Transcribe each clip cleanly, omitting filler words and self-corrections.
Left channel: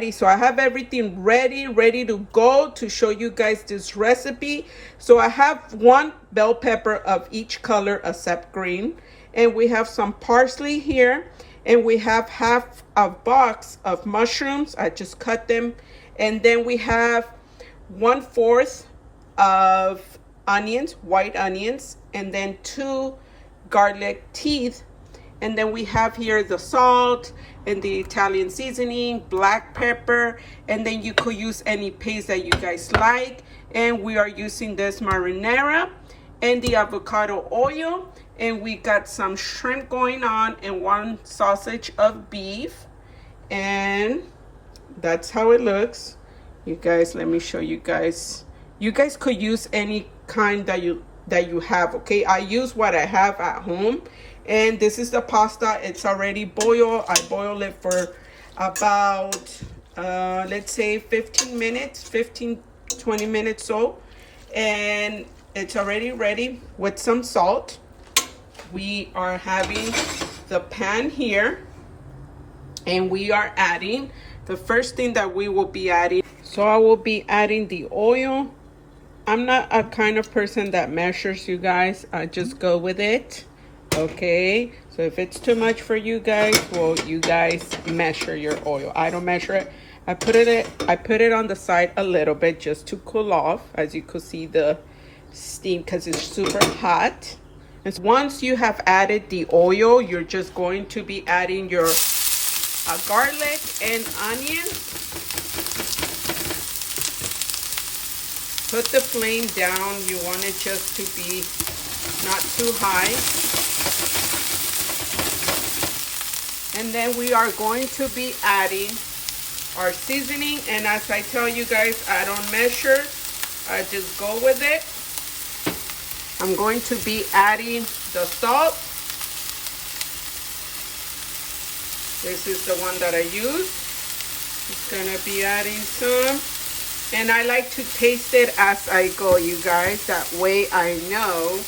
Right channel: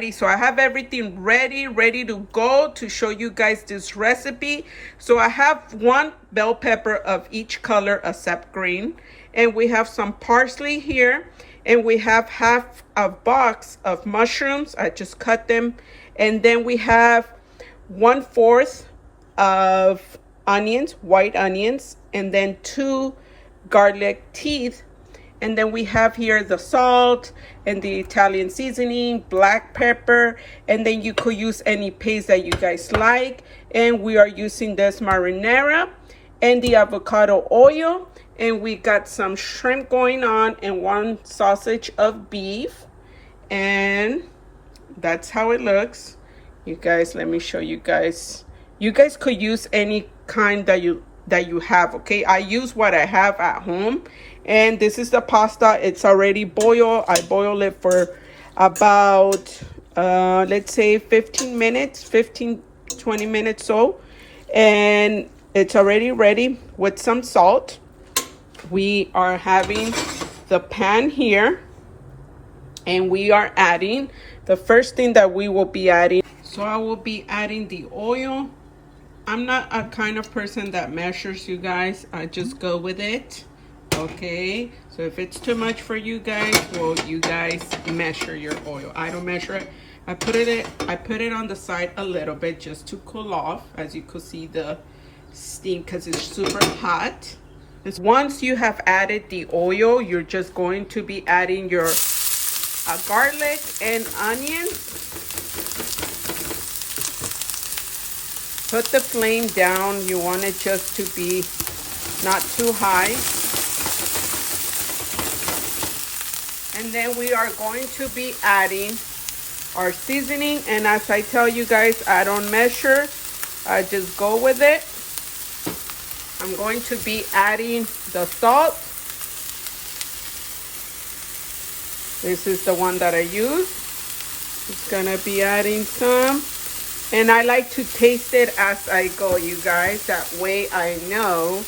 Alrighty, so I have everything ready to go to show you guys this recipe. So I have 1 bell pepper of each color except green, and we have some parsley here, and we have half a box of mushrooms. I just cut them, and then we have 1/4 of onions, white onions, and then 2 garlic teeth. And then we have here the salt and the Italian seasoning, black pepper, and then you could use any paste that you guys like. And we are using this marinara and the avocado oil. And we got some shrimp going on and 1 sausage of beef. And that's how it looks. You guys, let me show you guys. You guys could use any kind that you have, okay? I use what I have at home. And this is the pasta. It's already boiled. I boil it for about, let's say 15 minutes, 20 minutes so. And it's already ready with some salt. We are having the pan here. And we are adding, the first thing that we will be adding. So I will be adding the oil. I'm not a kind of person that measures, you guys. I just go with it. Okay, so if it's too much for you guys, well, you guys measure your oil. I don't measure it. I put it on the side a little bit just to cool off, as you could see the steam, because it's super hot. And once you have added the oil, you're just going to be adding your garlic and onions. Put the flame down. You want it just to be not too high. And then we are going to be adding our seasoning. And as I tell you guys, I don't measure. I just go with it. I'm going to be adding the salt. This is the one that I use. Just gonna be adding some. And I like to taste it as I go, you guys. That way I know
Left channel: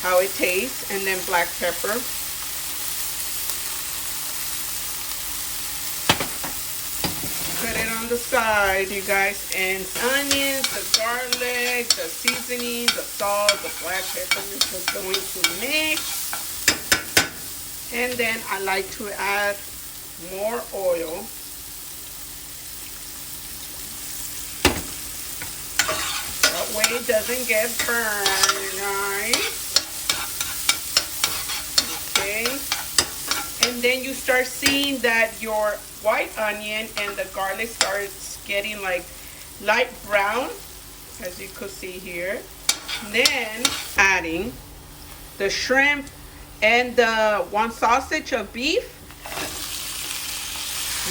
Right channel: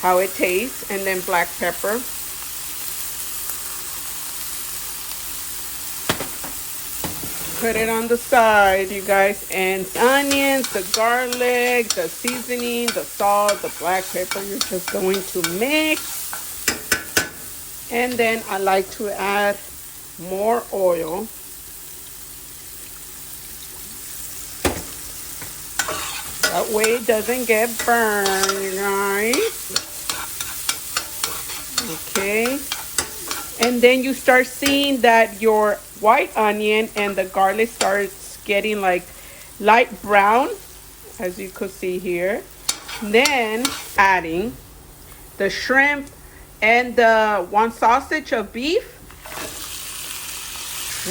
how it tastes. And then black pepper. Put it on the side, you guys. And onions, the garlic, the seasoning, the salt, the black pepper. We're just going to mix. And then I like to add more oil. That way it doesn't get burned, guys. Okay. And then you start seeing that your white onion and the garlic starts getting like light brown, as you could see here. Then adding the shrimp and the 1 sausage of beef.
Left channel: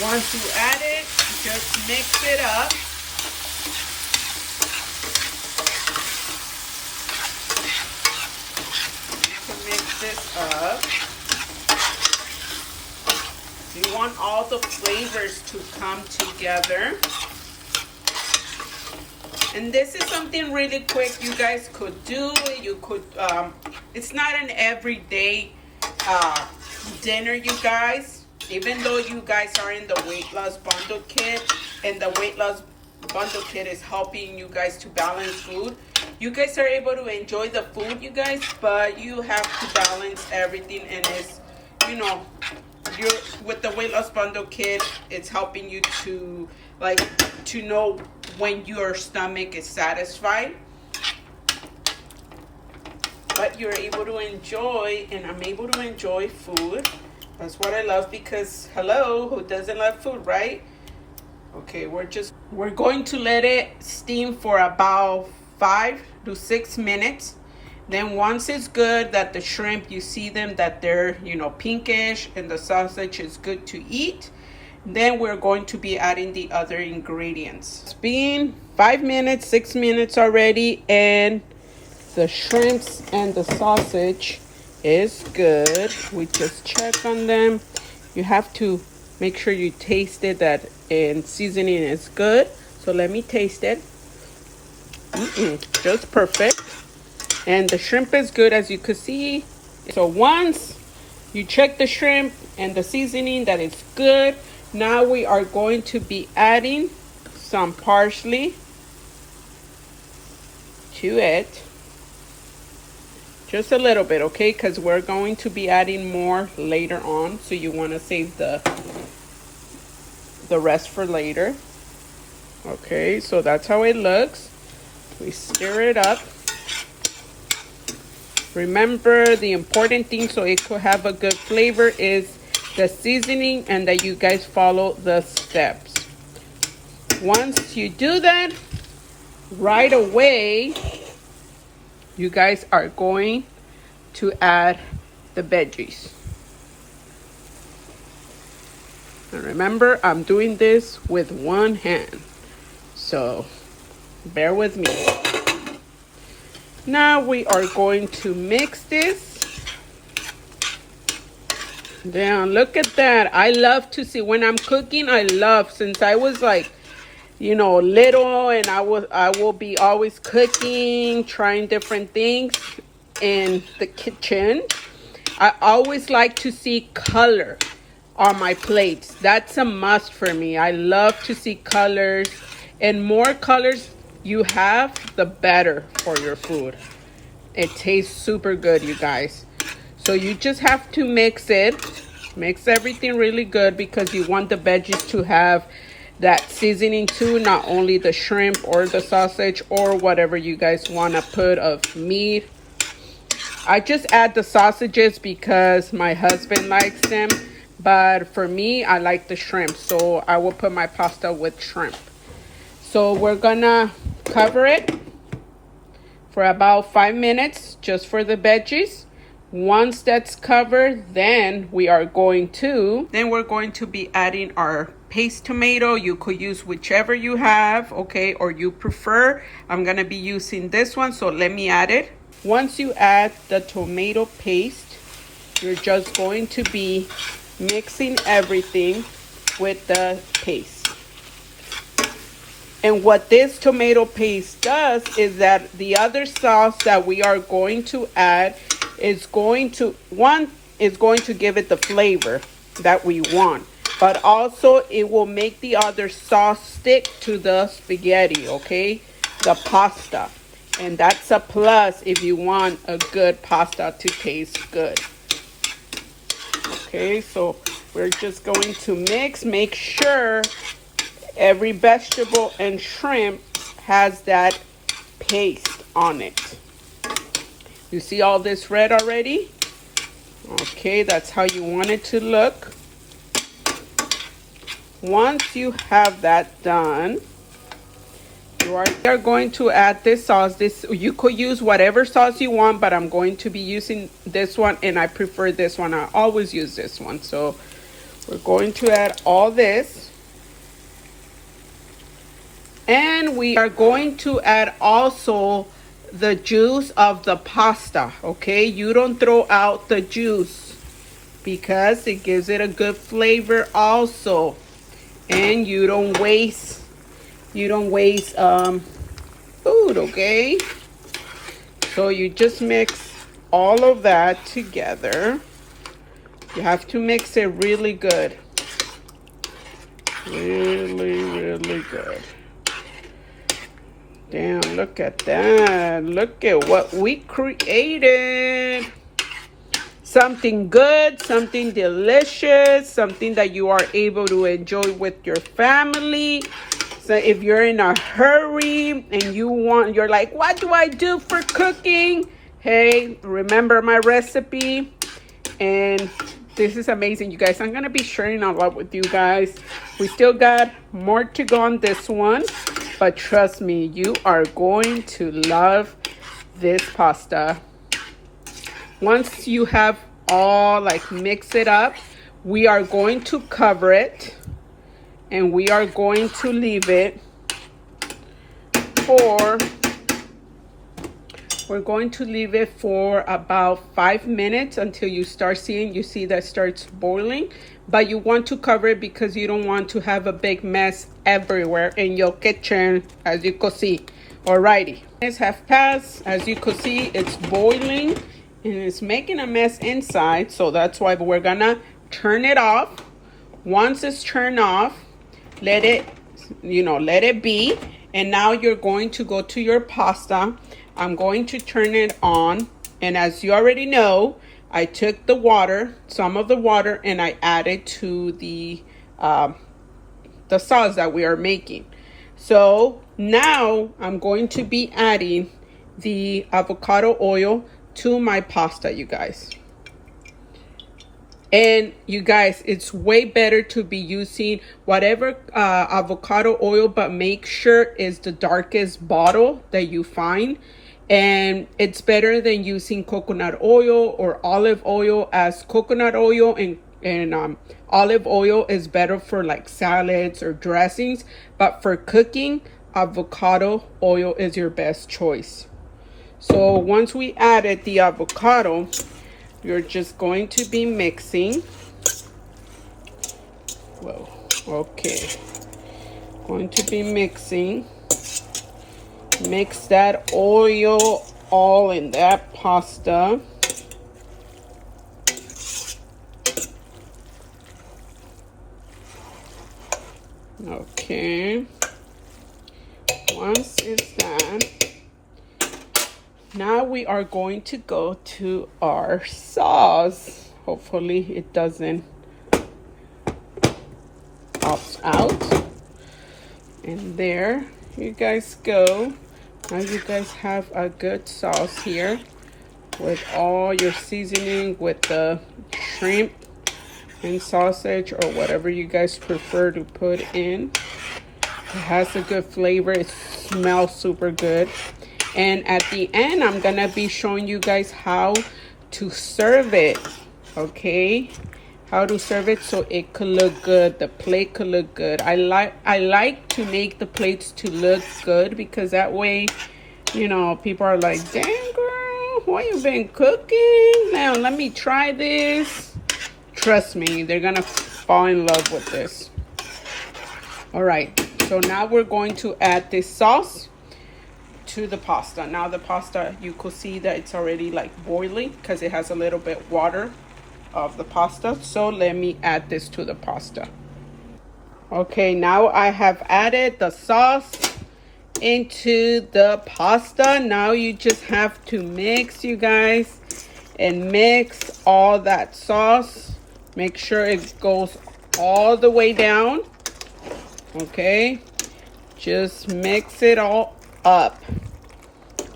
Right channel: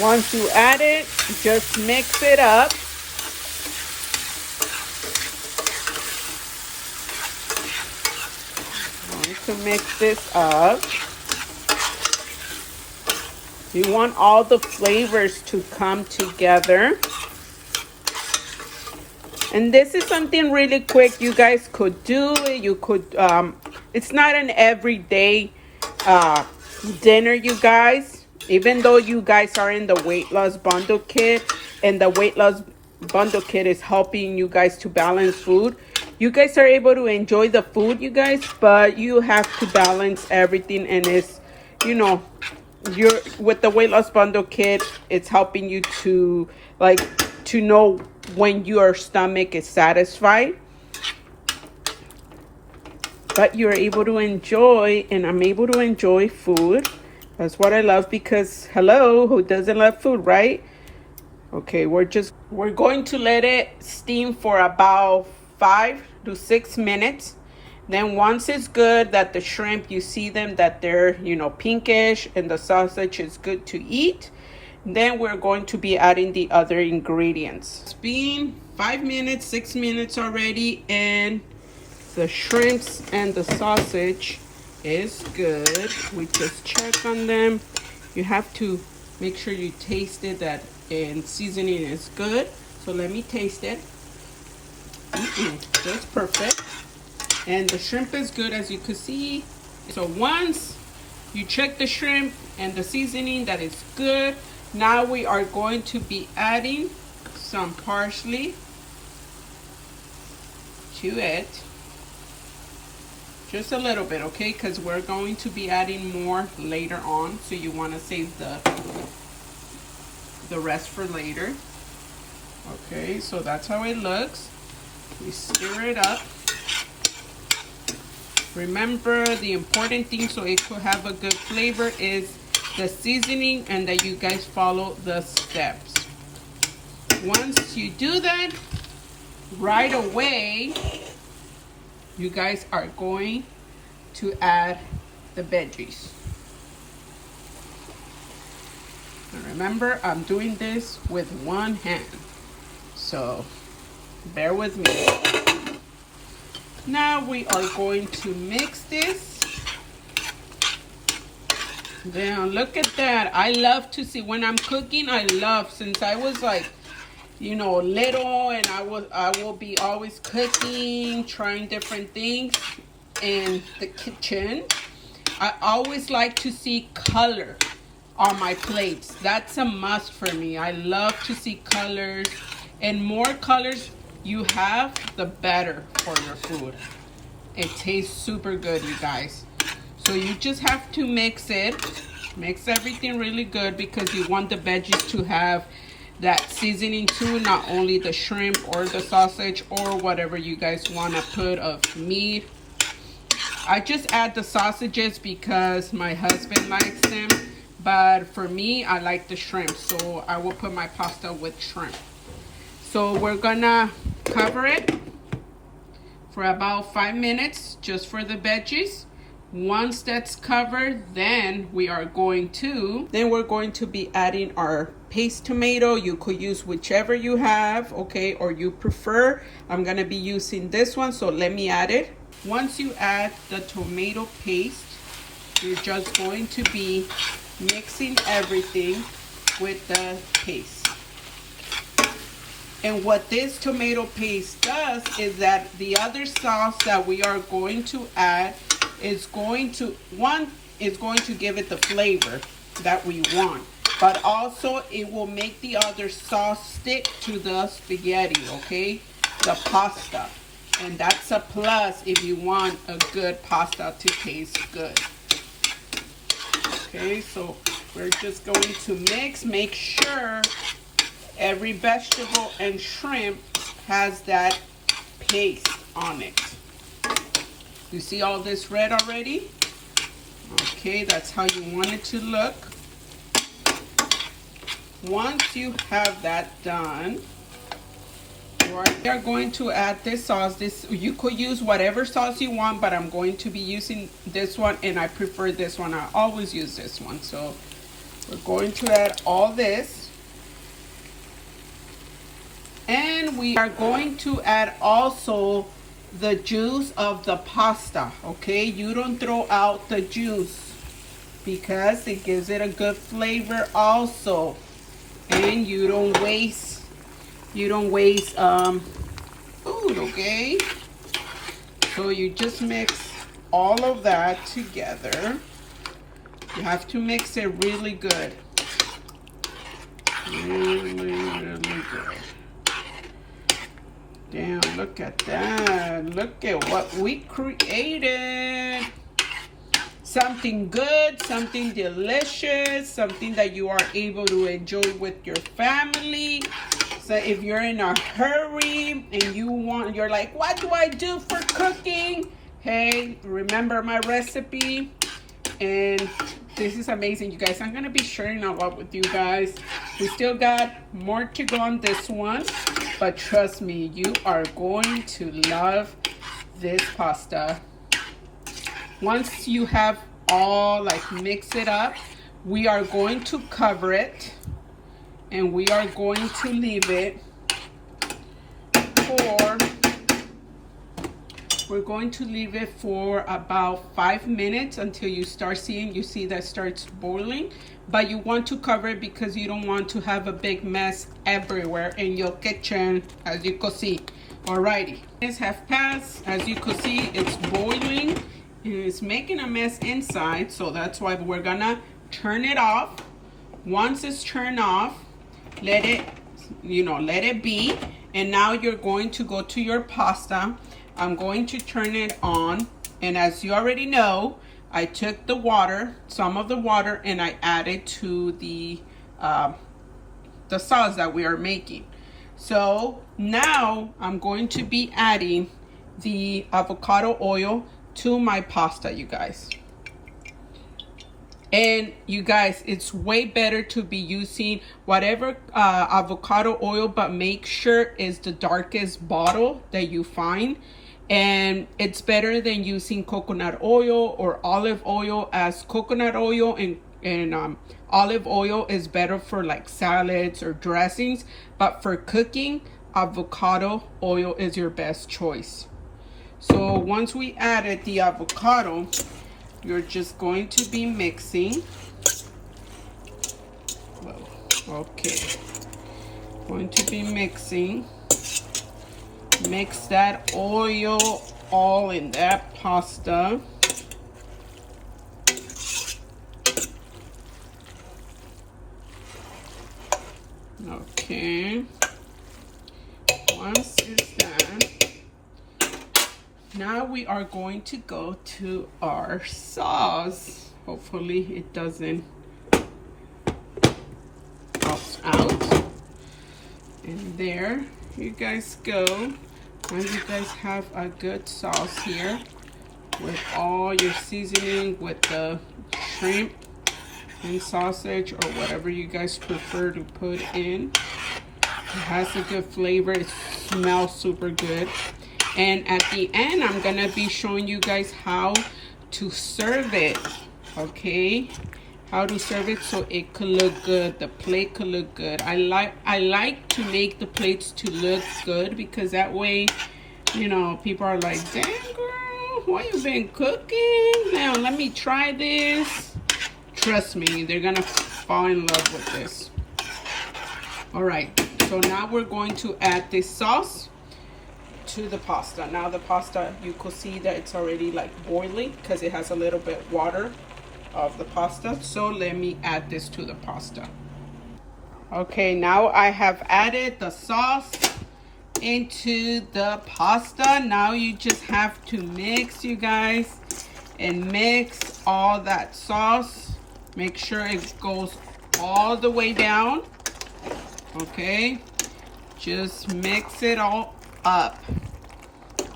Once you add it, just mix it up. You need to mix this up. You want all the flavors to come together. And this is something really quick you guys could do. You could, it's not an everyday dinner, you guys. Even though you guys are in the weight loss bundle kit, and the weight loss bundle kit is helping you guys to balance food, you guys are able to enjoy the food, you guys, but you have to balance everything. And it's, you know, you're with the weight loss bundle kit, it's helping you to to know when your stomach is satisfied, but you're able to enjoy, and I'm able to enjoy food. That's what I love, because hello, who doesn't love food, right? Okay, we're going to let it steam for about 5 to 6 minutes. Then once it's good, that the shrimp, you see them, that they're, you know, pinkish, and the sausage is good to eat, then we're going to be adding the other ingredients. It's been 5 minutes, 6 minutes already, and the shrimps and the sausage is good. We just check on them. You have to make sure you taste it, that and seasoning is good. So let me taste it. Just perfect. And the shrimp is good, as you could see. So once you check the shrimp and the seasoning that is good, Now we are going to be adding some parsley to it. Just a little bit, okay? Because we're going to be adding more later on. So you want to save the rest for later. Okay, so that's how it looks. We stir it up. Remember, the important thing so it could have a good flavor is the seasoning and that you guys follow the steps. Once you do that, right away, you guys are going to add the veggies. And remember, I'm doing this with one hand, so bear with me. Now we are going to mix this. Then look at that. I love to see when I'm cooking. I love, since I was like, you know, little, and I will be always cooking, trying different things in the kitchen. I always like to see color on my plates. That's a must for me. I love to see colors, and more colors you have, the better for your food. It tastes super good, you guys. So you just have to mix it. Mix everything really good because you want the veggies to have that seasoning too, not only the shrimp or the sausage or whatever you guys want to put of meat. I just add the sausages because my husband likes them, but for me, I like the shrimp, so I will put my pasta with shrimp. So we're gonna cover it for about 5 minutes just for the veggies. Once that's covered, then we're going to be adding our paste tomato. You could use whichever you have, okay, or you prefer. I'm gonna be using this one, so let me add it. Once you add the tomato paste, you're just going to be mixing everything with the paste. And what this tomato paste does is that the other sauce that we are going to add is going to give it the flavor that we want, but also it will make the other sauce stick to the spaghetti, okay, the pasta. And that's a plus if you want a good pasta to taste good. Okay, so we're just going to make sure every vegetable and shrimp has that paste on it. You see all this red already? Okay, that's how you want it to look. Once you have that done, you are going to add this sauce. You could use whatever sauce you want, but I'm going to be using this one, and I prefer this one. I always use this one. So we're going to add all this. And we are going to add also the juice of the pasta, okay? You don't throw out the juice because it gives it a good flavor also. And you don't waste food, okay? So you just mix all of that together. You have to mix it really good. Really good. Damn, look at that. Look at what we created. Something good, something delicious, something that you are able to enjoy with your family. So if you're in a hurry and you're like, what do I do for cooking? Hey, remember my recipe. And this is amazing, you guys. I'm gonna be sharing a lot with you guys. We still got more to go on this one, but trust me, you are going to love this pasta. Once you have all mix it up, we are going to cover it and we are going to leave it for about 5 minutes until you see that starts boiling. But you want to cover it because you don't want to have a big mess everywhere in your kitchen, as you can see. Alrighty, minutes have passed. As you can see, it's boiling and it's making a mess inside, so that's why we're gonna turn it off. Once it's turned off, let it, let it be. And now you're going to go to your pasta. I'm going to turn it on. And as you already know, I took the water, some of the water, and I added to the sauce that we are making. So now I'm going to be adding the avocado oil to my pasta, you guys. And you guys, it's way better to be using whatever avocado oil, but make sure it's the darkest bottle that you find. And it's better than using coconut oil or olive oil, as coconut oil and olive oil is better for like salads or dressings. But for cooking, avocado oil is your best choice. So once we added the avocado, you're just going to be mixing. Whoa, okay. Going to be mixing. Mix that oil all in that pasta. Okay. Once it's done, now we are going to go to our sauce. Hopefully it doesn't pop out. And there you guys go. Now you guys have a good sauce here with all your seasoning, with the shrimp and sausage or whatever you guys prefer to put in. It has a good flavor. It smells super good. And at the end, I'm gonna be showing you guys how to serve it, okay? How to serve it so it could look good. The plate could look good. I like to make the plates to look good, because that way, people are like, "Damn girl, what you been cooking? Now let me try this." Trust me, they're gonna fall in love with this. All right, so now we're going to add this sauce to the pasta. Now the pasta, you could see that it's already like boiling because it has a little bit water of the pasta. So let me add this to the pasta. Okay, now I have added the sauce into the pasta. Now you just have to mix, you guys, and mix all that sauce. Make sure it goes all the way down. Okay, just mix it all up.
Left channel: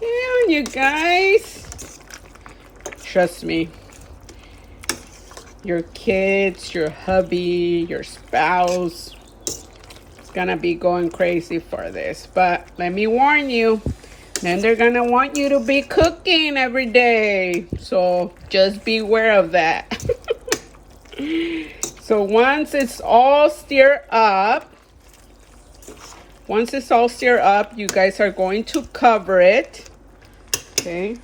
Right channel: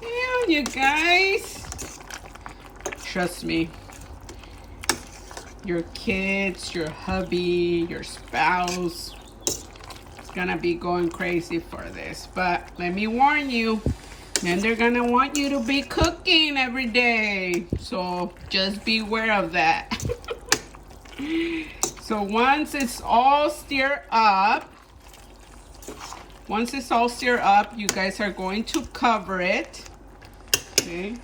Yeah, you guys, trust me, your kids, your hubby, your spouse is gonna be going crazy for this. But let me warn you, then they're gonna want you to be cooking every day, so just beware of that. So once it's all stirred up, you guys are going to cover it. Okay,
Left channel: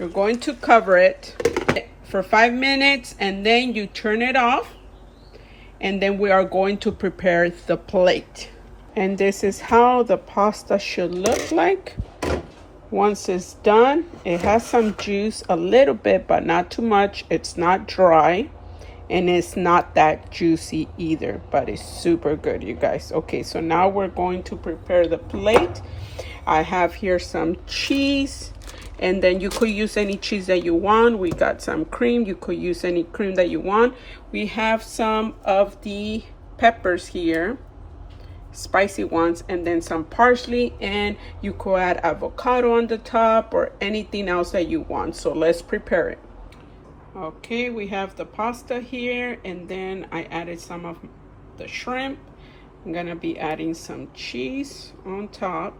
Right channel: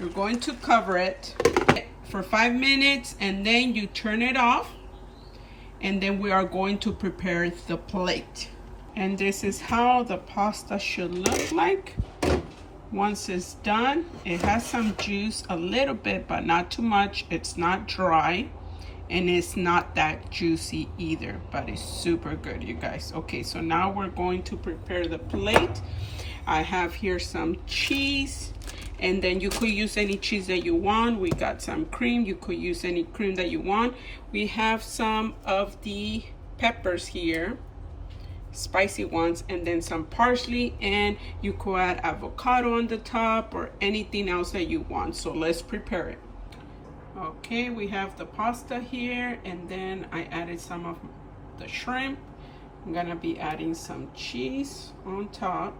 you're going to cover it for 5 minutes, and then you turn it off, and then we are going to prepare the plate. And this is how the pasta should look like once it's done. It has some juice, a little bit, but not too much. It's not dry, and it's not that juicy either, but it's super good, you guys. Okay, so now we're going to prepare the plate. I have here some cheese, and then you could use any cheese that you want. We got some cream. You could use any cream that you want. We have some of the peppers here, spicy ones, and then some parsley, and you could add avocado on the top or anything else that you want. So let's prepare it. Okay, we have the pasta here, and then I added some of the shrimp. I'm gonna be adding some cheese on top,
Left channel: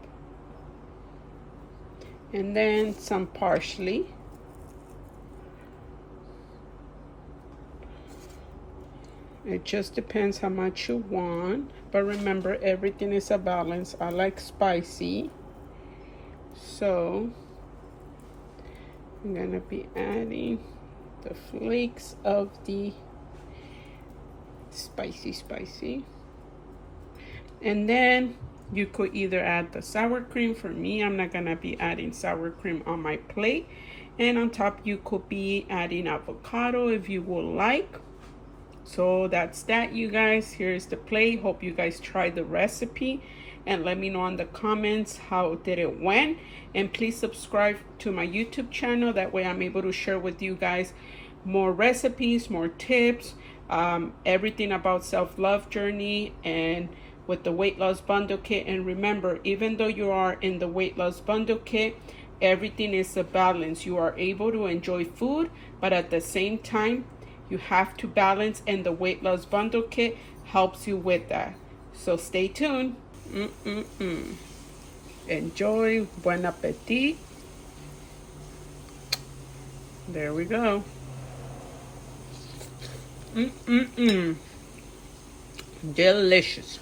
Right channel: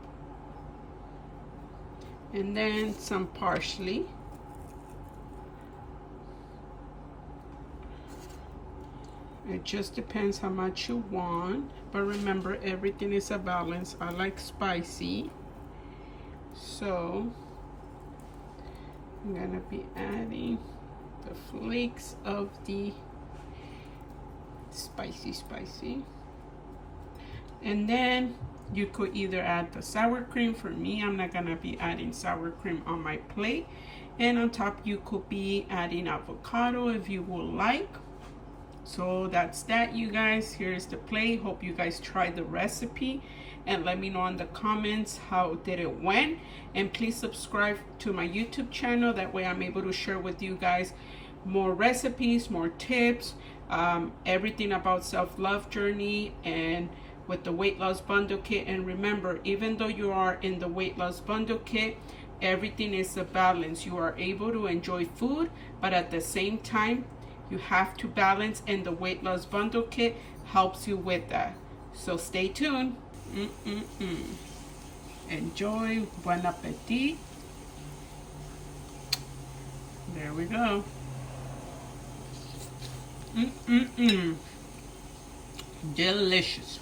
and then some parsley. It just depends how much you want, but remember, everything is a balance. I like spicy, so I'm gonna be adding the flakes of the spicy. And then you could either add the sour cream. For me, I'm not gonna be adding sour cream on my plate. And on top, you could be adding avocado if you would like. So that's that, you guys. Here's the plate. Hope you guys try the recipe and let me know in the comments how did it went. And please subscribe to my YouTube channel. That way I'm able to share with you guys more recipes, more tips, everything about self-love journey and with the weight loss bundle kit. And remember, even though you are in the weight loss bundle kit, everything is a balance. You are able to enjoy food, but at the same time you have to balance, and the weight loss bundle kit helps you with that. So stay tuned. Enjoy. Buen appetit. There we go. Delicious.